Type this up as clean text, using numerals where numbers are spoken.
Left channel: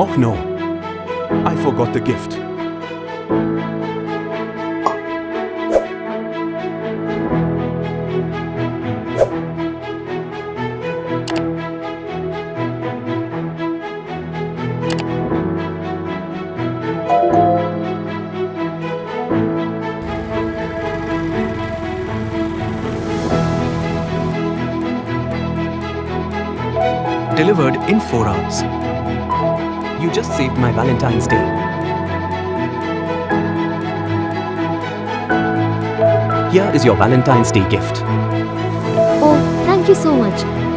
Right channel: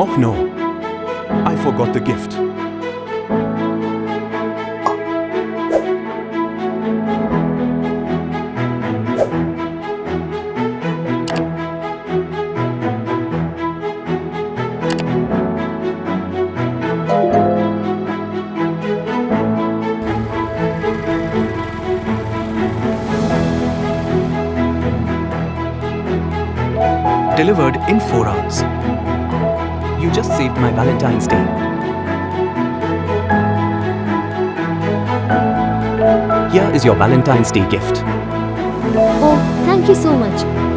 Oh no, I forgot the gift. Delivered in 4 hours. You just saved my Valentine's Day. Here is your Valentine's Day gift. Oh, thank you so much.